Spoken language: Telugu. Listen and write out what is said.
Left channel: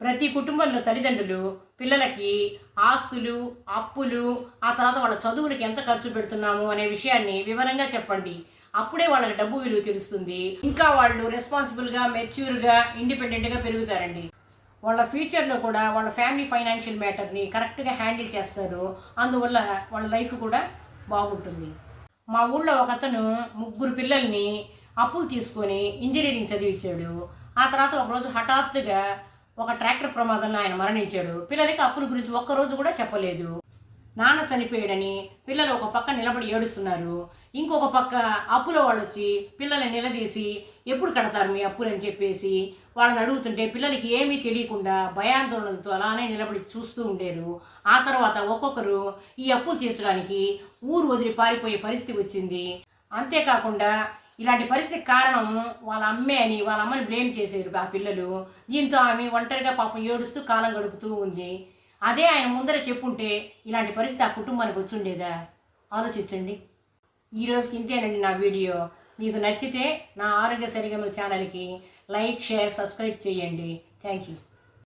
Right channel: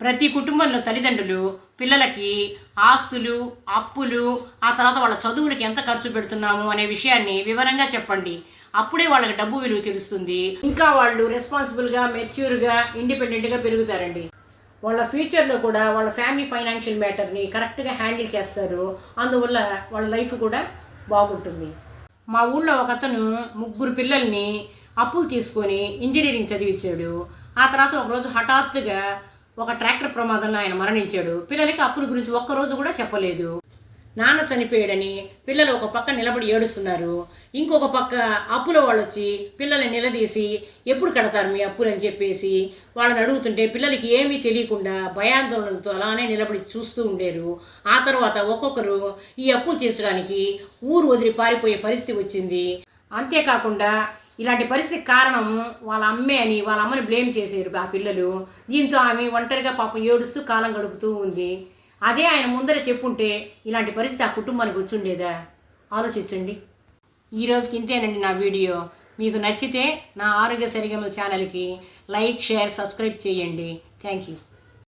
ప్రతి కుటుంబంలో తల్లిదండ్రులు పిల్లలకి ఆస్తులు, అప్పులు, ఆ తర్వాత వాళ్ళ చదువులకి ఎంత ఖర్చు పెడుతున్నాము అనే విషయాన్ని వివరంగా చెప్పండి. అప్పుడే వాళ్ళకి డబ్బు విలువ తెలుస్తుంది. ఇంకా వాళ్ళు రెస్పాన్సిబుల్‌గా, మెచ్యూర్‌గా, ఇండిపెండెంట్‌గా పెరుగుతారండి. వాళ్ళ ఫ్యూచర్‌లో కూడా వాళ్ళ ఫ్యామిలీ ఫైనాన్షియల్ మ్యాటర్‌ని కరెక్ట్‌గా హ్యాండిల్ చేస్తారు. అందువల్ల వాళ్ళ లైఫ్ కూడా బాగుంటుంది. మా ఊళ్ళో ఒకతను ముగ్గురు పిల్లల్ని అప్పులు తీసుకొని ఇంజనీరింగ్ చదివించాడు. ఆ తర్వాత ఒకరోజు హఠాత్తుగా ఒక ట్రాక్టర్ ప్రమాదంలో ఆయన మరణించాడు. పిల్లలకి అప్పుల గురించి ఒక్కరోజు కూడా చెప్పలేదు. నాన్న చనిపోయాడని పిల్లలు ఒక పక్క నిలబడి ఏడుస్తున్నారు. ఇంకొక పక్క అప్పుల వాళ్ళు వచ్చి పిల్లల్ని నిలదీసి ఎప్పుడు కడతారు మీ అప్పులు అని చెప్పేసి వాళ్ళని అడుగుతుంటే పిల్లలకి ఏమీ తెలియకుండా భయాందోళనలతో అలానే నిలబడి చూస్తూ ఉండేరు. ఆ తర్వాత ఒక్కొక్కరు ఈ అప్పులు తీర్చడానికి ఊరు వదిలి పారిపోయే పరిస్థితి వచ్చింది. అంతేకాకుండా ఇలాంటి పరిస్థితికి కారణం వాళ్ళ అమ్మే అని వాళ్ళ అమ్మని బ్లేమ్ చేశారు ఆ పిల్లలు. దీంతో ఆమె ఒంటరిగా పాపం ఏడుస్తూ కాలం గడుపుతూ ఉంది. అదే ఆయన ముందర చెప్పుంటే ఇలాంటి పరిస్థితి ఆ కుటుంబానికి వచ్చుండేదా? ఆలోచించండి. ఈరోజుకి ఇంతేనండి నా వీడియో. మీకు నచ్చితే నా ఆరోగ్య సరిగమల ఛానల్కి లైక్, షేర్, సబ్స్క్రైబ్ చేయండి. Thank you.